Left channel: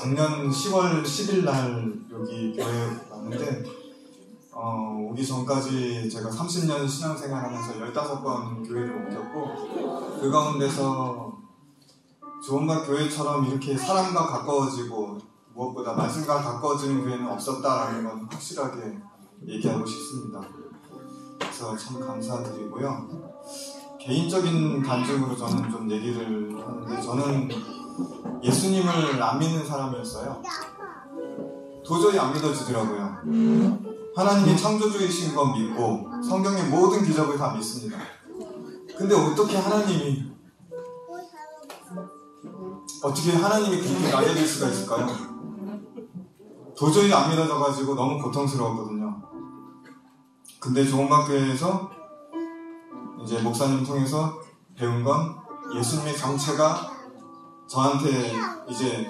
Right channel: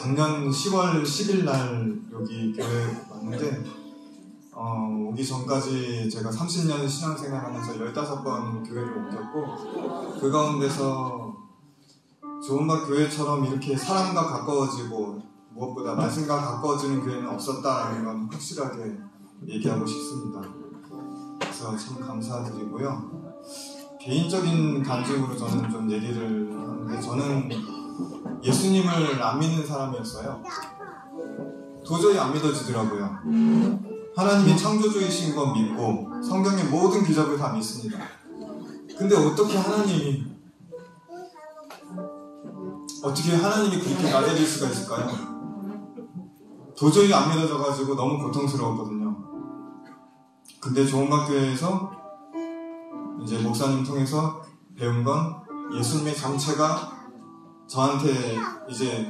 작년 10월 10일 날 여기 교회에 왔는데 오기 전까지 제가 30년 신앙생활하면서 15번 교회를 옮겼고 그 가운데서 좋은바 교회처럼 이렇게 사람과 가까워지고 무엇보다 말씀과 가까워지는 교회는 없었다라는 건 확실하게 얘기하고 싶습니다. 그래서 참 감사드리고요. 개인적인 간증으로 저는 좀 얘기를 하는데 저는 예수님을 안 믿는 사람이었어요. 도저히 안 믿어지더라고요. 하나님이 창조주이신 건 믿고 성경의 모든 기적을 다 믿습니다. 근데 어떻게 하나님이 그렇게 낮아질 수가 있을까요? 도저히 안 믿어져가지고 너무 고통스러웠거든요. 근데 좋은학교에서 이제 목사님 통해서 배운 건 예수님의 정체가 저한테 이제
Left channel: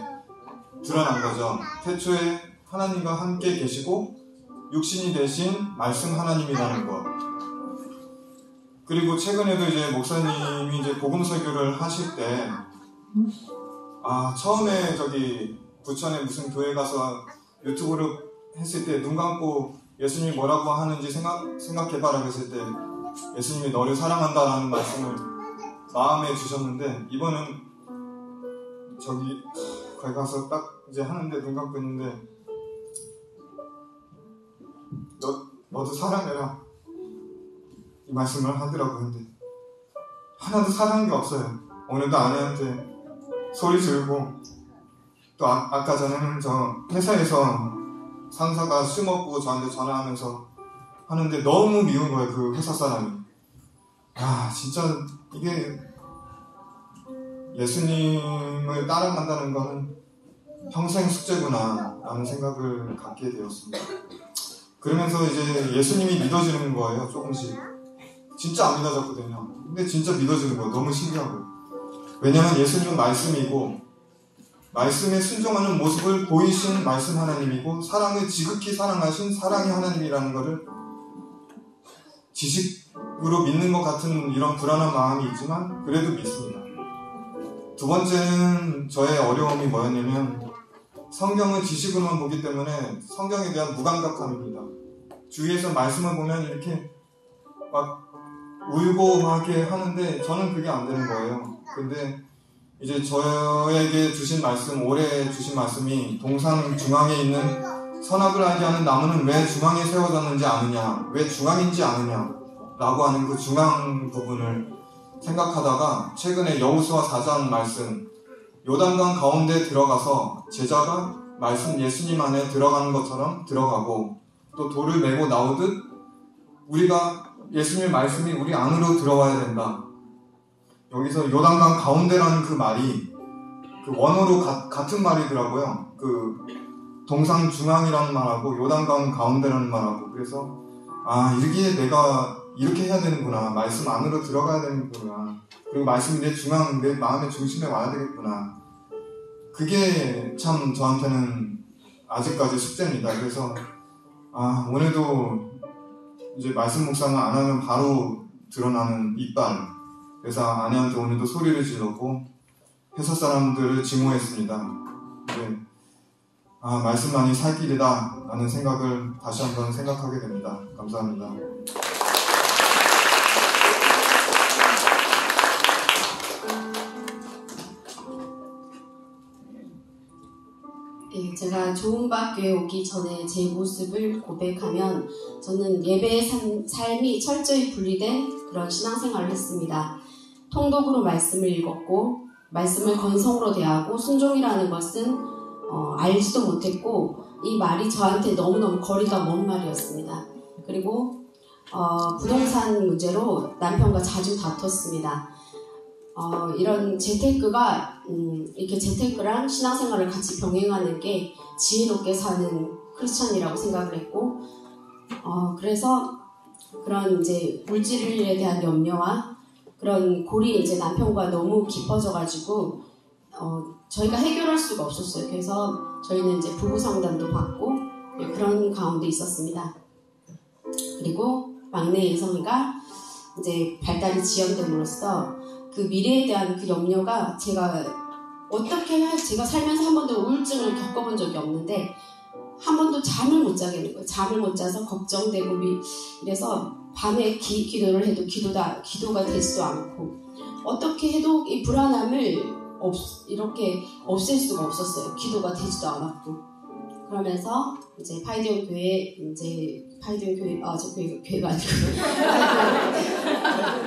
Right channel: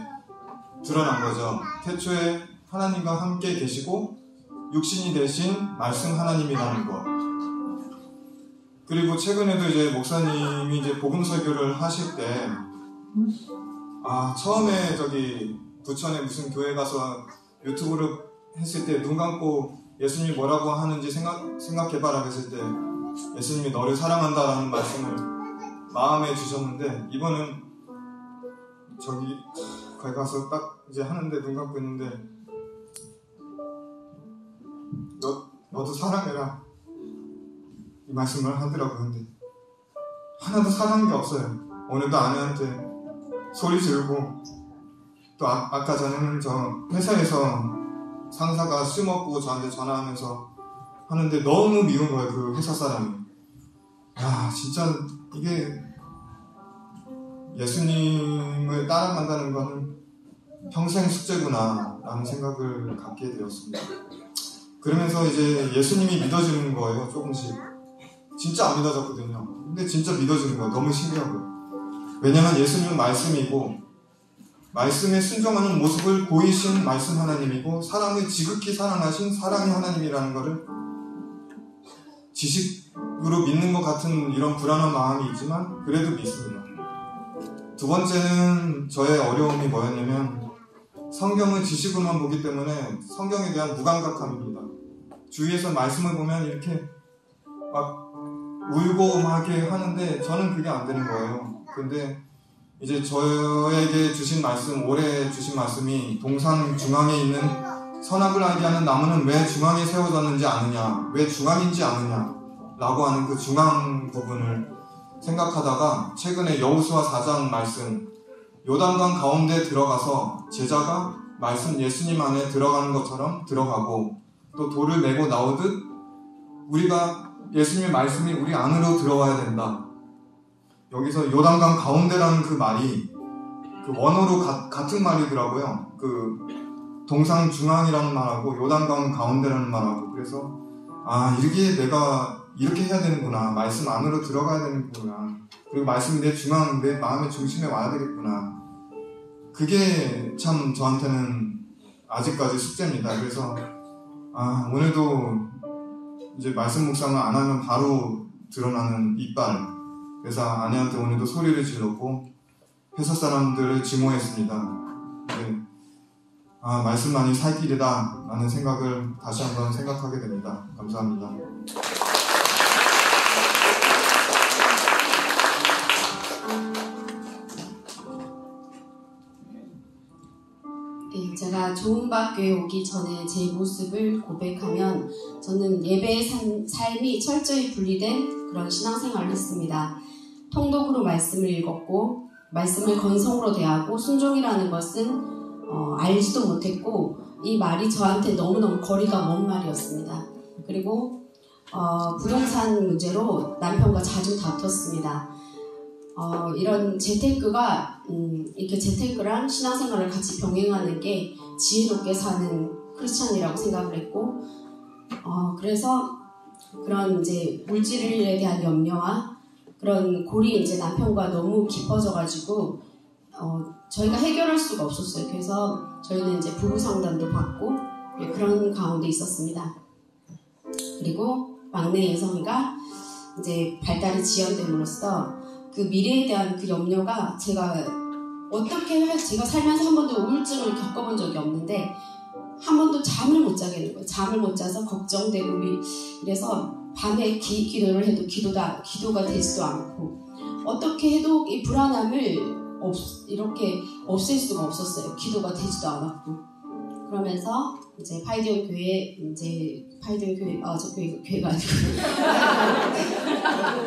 드러난 거죠. 태초에 하나님과 함께 계시고 육신이 되신 말씀 하나님이라는 것. 그리고 최근에도 이제 목사님이 이제 복음 설교를 하실 때 처음에 저기 부천에 무슨 교회 가서 유튜브를 했을 때 눈 감고 예수님이 뭐라고 하는지 생각해봐라 했을 때 예수님이 너를 사랑한다라는 말씀을 마음에 주셨는데 이번은 저기 거기 가서 딱 이제 하는데 눈 감고 있는데 너도 사랑해라 이 말씀을 하더라고요. 근데 하나도 사랑한 게 없어요. 오늘도 아내한테 소리 지르고 또 아까 전에는 저 회사에서 상사가 술 먹고 저한테 전화하면서 하는데 너무 미운 거예요. 그 회사 사람이. 진짜 이게 예수님을 따라간다는 거는 평생 숙제구나 라는 생각을 갖게 되었습니다. 그러면서 이제 예수님이 믿어지는 거예요. 조금씩. 진짜 안 믿어졌거든요. 근데 진짜 믿어지는 거예요. 너무 신기한 거예요. 왜냐하면 예수님은 말씀이고 말씀에 순종하는 모습을 보이신 말씀 하나님이고 사람을 지극히 사랑하신 사랑의 하나님이라는 것을 지식으로 믿는 것 같은 이런 불안한 마음이 있지만 그래도 믿습니다. 두 번째는 저의 어려움이 뭐였냐면 성경을 지식으로만 보기 때문에 성경에 대한 무감각함입니다. 주위에서 말씀을 보면 이렇게 막 울고 막 이렇게 하는데 저는 그게 안 되는 거예요. 근데 이제 저에게 주신 말씀, 올해 주신 말씀이 동산 중앙에 있는 선악을 알게 하는 나무는 왜 중앙에 세워졌는지 아느냐, 왜 중앙인지 아느냐 라고 하는 그 중앙 부분을 생각하다가 최근에 여호수아 4장 말씀, 요단강 가운데 들어가서 제자가 말씀 예수님 안에 들어가는 것처럼 들어가고 또 돌을 메고 나오듯 우리가 예수님의 말씀이 우리 안으로 들어와야 된다. 여기서 요단강 가운데라는 그 말이 그 원어로 같은 말이더라고요. 그 동상 중앙이라는 말하고 요단강 가운데라는 말하고 그래서 이렇게 내가 이렇게 해야 되는구나. 말씀 안으로 들어가야 되는구나. 그리고 말씀이 내 중앙, 내 마음의 중심에 와야 되겠구나. 그게 참 저한테는 아직까지 숙제입니다. 그래서 오늘도 이제 말씀 묵상을 안 하면 바로 드러나는 이빨. 그래서 아내한테 오늘도 소리를 질렀고 회사 사람들을 증오했습니다. 네. 말씀만이 살 길이다 라는 생각을 다시 한번 생각하게 됩니다. 감사합니다. 네, 제가 좋은박교에 오기 전에 제 모습을 고백하면 저는 예배의 삶이 철저히 분리된 그런 신앙생활을 했습니다. 통독으로 말씀을 읽었고 말씀을 건성으로 대하고 순종이라는 것은 알지도 못했고 이 말이 저한테 너무너무 거리가 먼 말이었습니다. 그리고 부동산 문제로 남편과 자주 다퉜습니다. 이런 재테크가 이렇게 재테크랑 신앙생활을 같이 병행하는 게 지혜롭게 사는 크리스찬이라고 생각을 했고 그래서 그런 이제 물질에 대한 염려와 그런 골이 이제 남편과 너무 깊어져가지고 저희가 해결할 수가 없었어요. 그래서 저희는 이제 부부 상담도 받고 그런 가운데 있었습니다. 그리고 막내 예성이가 이제 발달이 지연됨으로써 그 미래에 대한 그 염려가 제가 어떻게 제가 살면서 한 번도 우울증을 겪어본 적이 없는데 한 번도 잠을 못 자게 되는 거예요. 잠을 못 자서 걱정되고 이래서 밤에 기도를 해도 기도가 되지도 않고 어떻게 해도 이 불안함을 이렇게 없앨 수가 없었어요. 기도가 되지도 않았고 그러면서 이제 파이디온 교회 교회가 아니고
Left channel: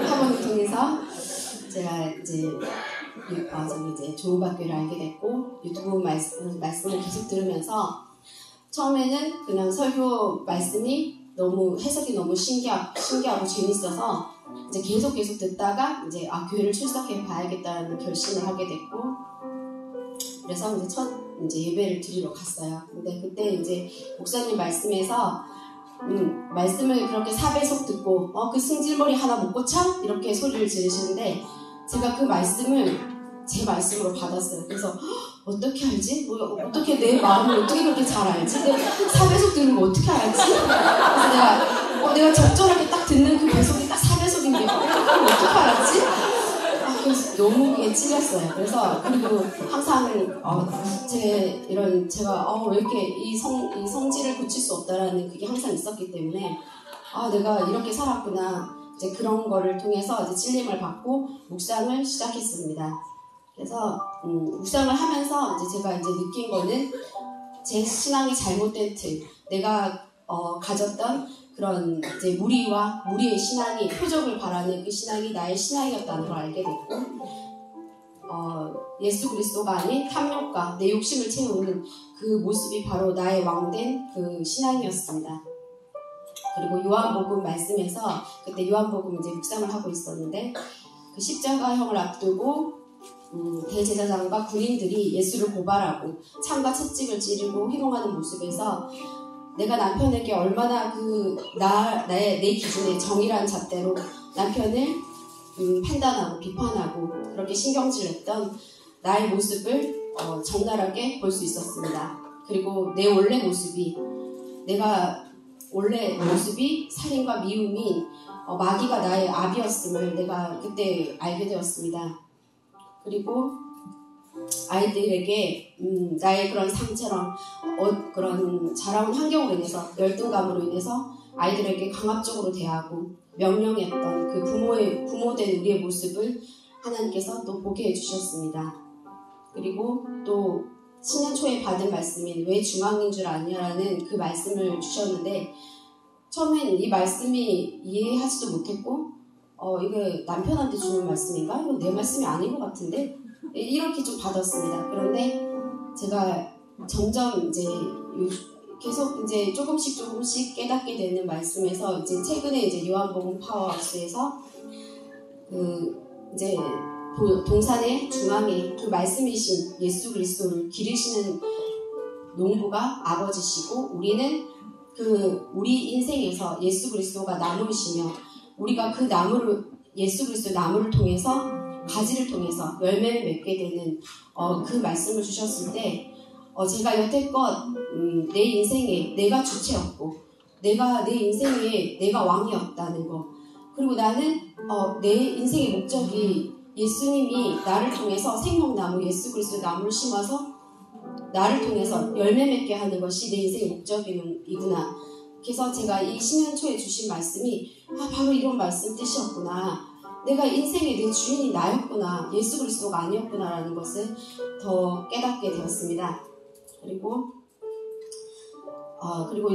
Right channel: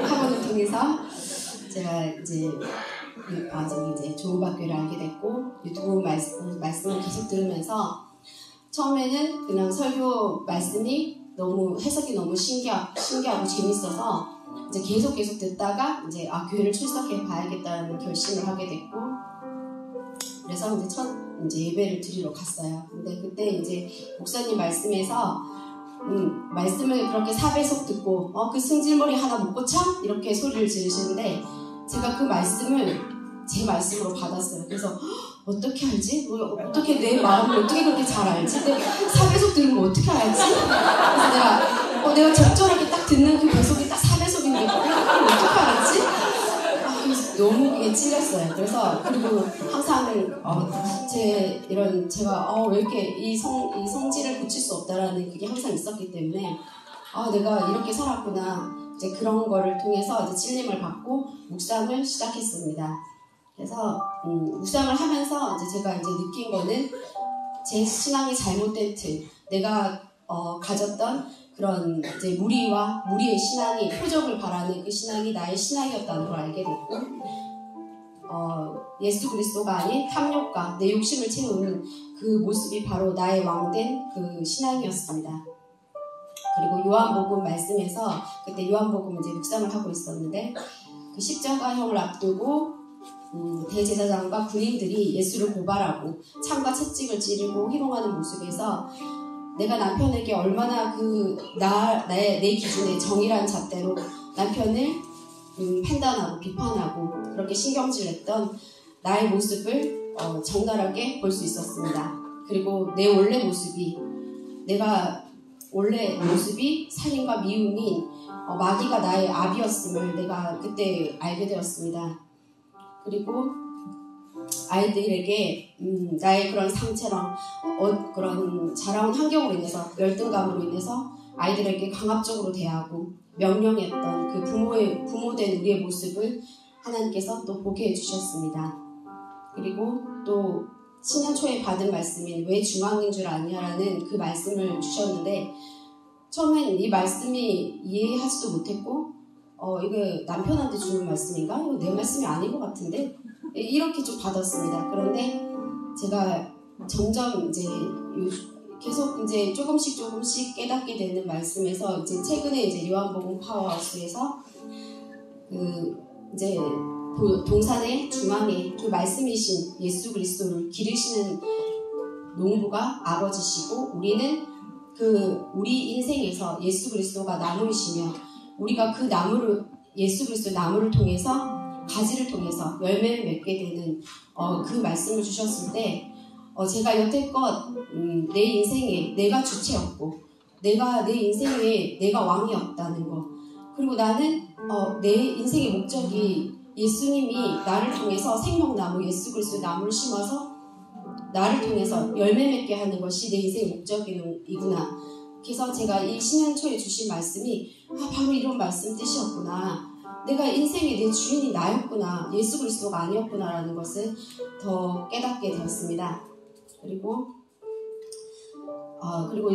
학원을 통해서 제가 이제 조은박교회를 알게 됐고 유튜브 말씀을 계속 들으면서 처음에는 그냥 설교 말씀이 너무 해석이 너무 신기하고 재밌어서 이제 계속 듣다가 이제 교회를 출석해 봐야겠다라는 결심을 하게 됐고 그래서 이제 첫 예배를 드리러 갔어요. 근데 그때 이제 목사님 말씀에서 말씀을 그렇게 4배속 듣고 그 승질머리 하나 못 고쳐? 이렇게 소리를 지르시는데 제가 그 말씀을 제 말씀으로 받았어요. 그래서 어떻게 알지? 어떻게 내 마음을 어떻게 그렇게 잘 알지? 4배속 들으면 어떻게 알지? 그래서 내가 적절하게 딱 듣는 그 배속이 딱 4배속인데 어떻게 알았지? 그래서 너무 그게 찔렸어요. 그래서 그리고 항상 제가 왜 이렇게 이 성질을 고칠 수 없다라는 그게 항상 있었기 때문에 내가 이렇게 살았구나. 이제 그런 거를 통해서 이제 찔림을 받고 묵상을 시작했습니다. 그래서 묵상을 하면서 이제 제가 이제 느낀 거는 제 신앙이 잘못된 틀, 내가 가졌던 그런 이제 무리의 신앙이 표적을 바라는 그 신앙이 나의 신앙이었다는 걸 알게 됐고, 예수 그리스도가 아닌 탐욕과 내 욕심을 채우는 그 모습이 바로 나의 왕된 그 신앙이었습니다. 그리고 요한복음 말씀에서 그때 요한복음 이제 묵상을 하고 있었는데 그 십자가형을 앞두고 대제사장과 군인들이 예수를 고발하고 창과 채찍을 찌르고 희롱하는 모습에서 내가 남편에게 얼마나 내 기준의 정의란 잣대로 남편을 판단하고 비판하고 그렇게 신경질했던 나의 모습을 적나라하게 볼 수 있었습니다. 그리고 내 원래 모습이 살인과 미움이 마귀가 나의 압이었음을 내가 그때 알게 되었습니다. 그리고 아이들에게 나의 그런 상처럼 그런 자라온 환경으로 인해서 열등감으로 인해서 아이들에게 강압적으로 대하고 명령했던 그 부모된 우리의 모습을 하나님께서 또 보게 해주셨습니다. 그리고 또 신년 초에 받은 말씀인 왜 중앙인 줄 아냐라는 그 말씀을 주셨는데 처음엔 이 말씀이 이해하지도 못했고 이거 남편한테 주는 말씀인가? 이거 내 말씀이 아닌 것 같은데 이렇게 좀 받았습니다. 그런데 제가 점점 이제 계속 이제 조금씩 깨닫게 되는 말씀에서 이제 최근에 이제 요한복음 파워하우스에서 이제 동산의 중앙에 그 말씀이신 예수 그리스도를 기르시는 농부가 아버지시고 우리는 우리 인생에서 예수 그리스도가 나무이시며 우리가 그 예수 그리스도 나무를 통해서 가지를 통해서 열매를 맺게 되는 그 말씀을 주셨을 때 제가 여태껏 내 인생에 내가 주체였고 내 인생에 내가 왕이었다는 거 그리고 나는 내 인생의 목적이 예수님이 나를 통해서 생명나무 예수 그리스도의 나무를 심어서 나를 통해서 열매 맺게 하는 것이 내 인생의 목적이구나. 그래서 제가 이 신년 초에 주신 말씀이 바로 이런 말씀 뜻이었구나. 내가 인생의 내 주인이 나였구나. 예수 그리스도가 아니었구나라는 것을 더 깨닫게 되었습니다. 그리고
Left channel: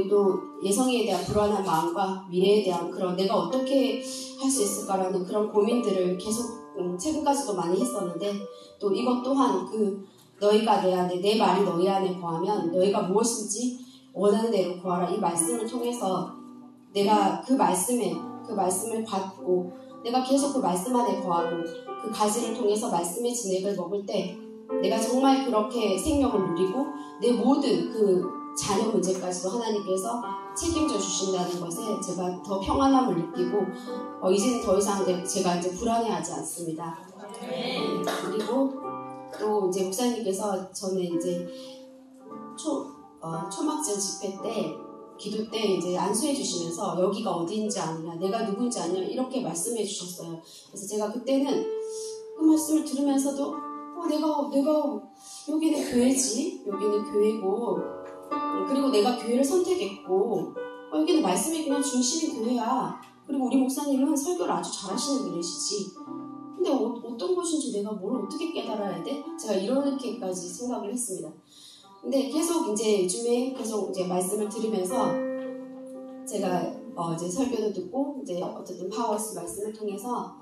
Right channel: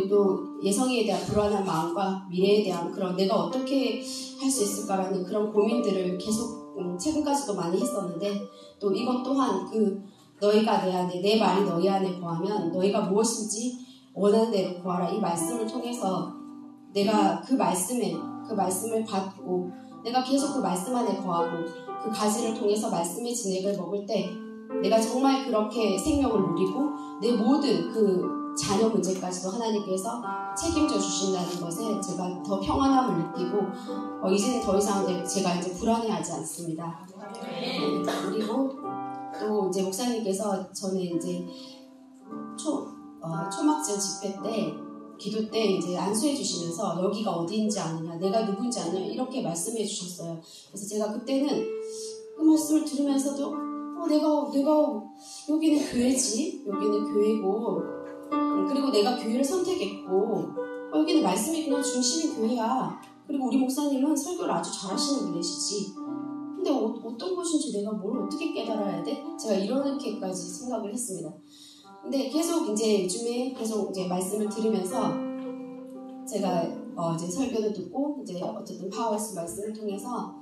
또 예성에 대한 불안한 마음과 미래에 대한 그런 내가 어떻게 할 수 있을까라는 그런 고민들을 계속 최근까지도 많이 했었는데 또 이것 또한 너희가 내 말이 너희 안에 거하면 너희가 무엇인지 원하는 대로 구하라. 이 말씀을 통해서 내가 그 말씀을 받고 내가 계속 그 말씀 안에 거하고 그 가지를 통해서 말씀의 진액을 먹을 때 내가 정말 그렇게 생명을 누리고 내 모든 그 자녀 문제까지도 하나님께서 책임져 주신다는 것에 제가 더 평안함을 느끼고 이제는 더 이상 제가 이제 불안해하지 않습니다. 그리고 또 이제 목사님께서 저는 이제 초막절 집회 때 기도 때 이제 안수해 주시면서 여기가 어디인지 아느냐 내가 누군지 아느냐 이렇게 말씀해 주셨어요. 그래서 제가 그때는 그 말씀을 들으면서도 내가 여기는 교회지, 여기는 교회고, 그리고 내가 교회를 선택했고, 여기는 말씀이 그냥 중심인 교회야. 그리고 우리 목사님은 설교를 아주 잘하시는 분이시지. 근데 어떤 것인지 내가 뭘 어떻게 깨달아야 돼? 제가 이렇게까지 생각을 했습니다. 근데 계속 이제 요즘에 계속 이제 말씀을 들으면서 제가 이제 설교도 듣고 이제 어쨌든 파워스 말씀을 통해서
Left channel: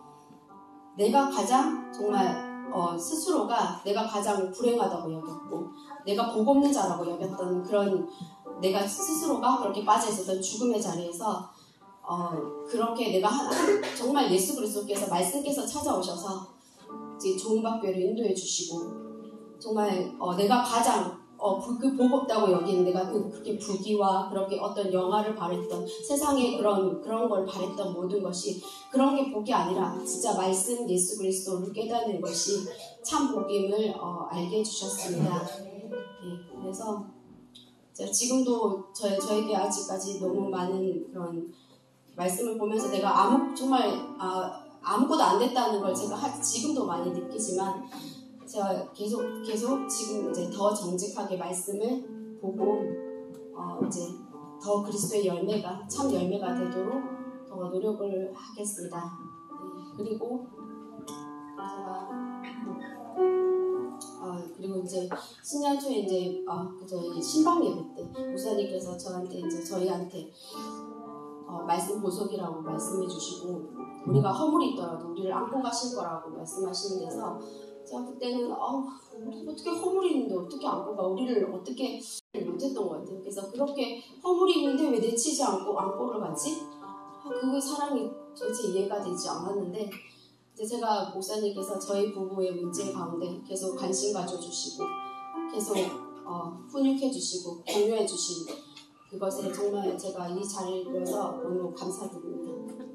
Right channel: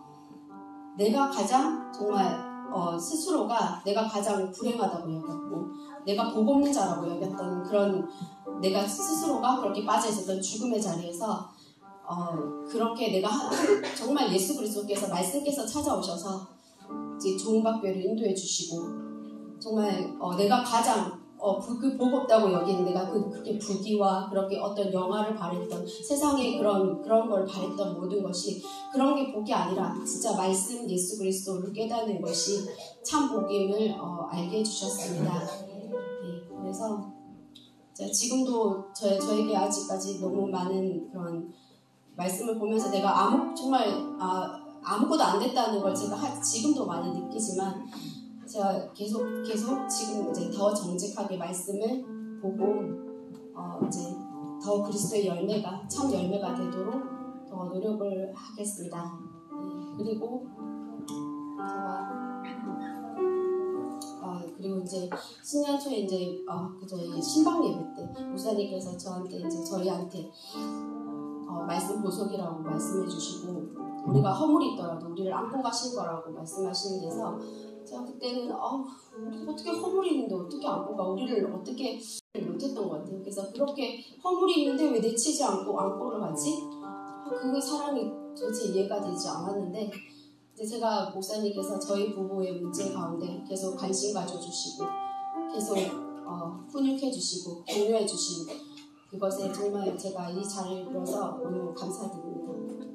내가 가장 정말 스스로가 내가 가장 불행하다고 여겼고 내가 복 없는 자라고 여겼던 그런 내가 스스로가 그렇게 빠져 있었던 죽음의 자리에서 그렇게 내가 정말 예수 그리스도께서 말씀께서 찾아오셔서 이제 종박교회를 인도해 주시고 정말 내가 가장 그 복 없다고 여기는 내가 그렇게 부귀와 그렇게 어떤 영화를 바랬던 세상에 그런 걸 바랬던 모든 것이 그런 게 복이 아니라 진짜 말씀 예수 그리스도를 깨닫는 것이 참 복임을 알게 해주셨습니다. 네, 그래서 지금도 저에게 아직까지 너무 많은 그런 말씀을 보면서 내가 정말 아무것도 안 됐다는 걸 제가 지금도 많이 느끼지만 제가 계속 지금 이제 더 정직하게 말씀을 보고 이제 더 그리스도의 열매가 참 열매가 되도록 더 노력을 하겠습니다. 네, 그리고 제가 그리고 이제 신년 초에 이제 저희 신방 예배 때 목사님께서 저희한테 말씀 보석이라고 말씀해 주시고 우리가 허물이 있더라도 우리를 안고 가실 거라고 말씀하시는 데서 제가 그때는 우리 어떻게 허물이 있는데 어떻게 안고 가 우리를 어떻게 못했던 것 같아요. 그래서 그렇게 허물이 있는데 왜 내치지 않고 안고를 가지? 그 사랑이 도대체 이해가 되지 않았는데 이제 제가 목사님께서 저희 부부의 문제 가운데 계속 관심 가져주시고 계속 훈육해 주시고 격려해 주시고 그것에 정말 제가 이 자리를 빌어서 너무 감사드립니다.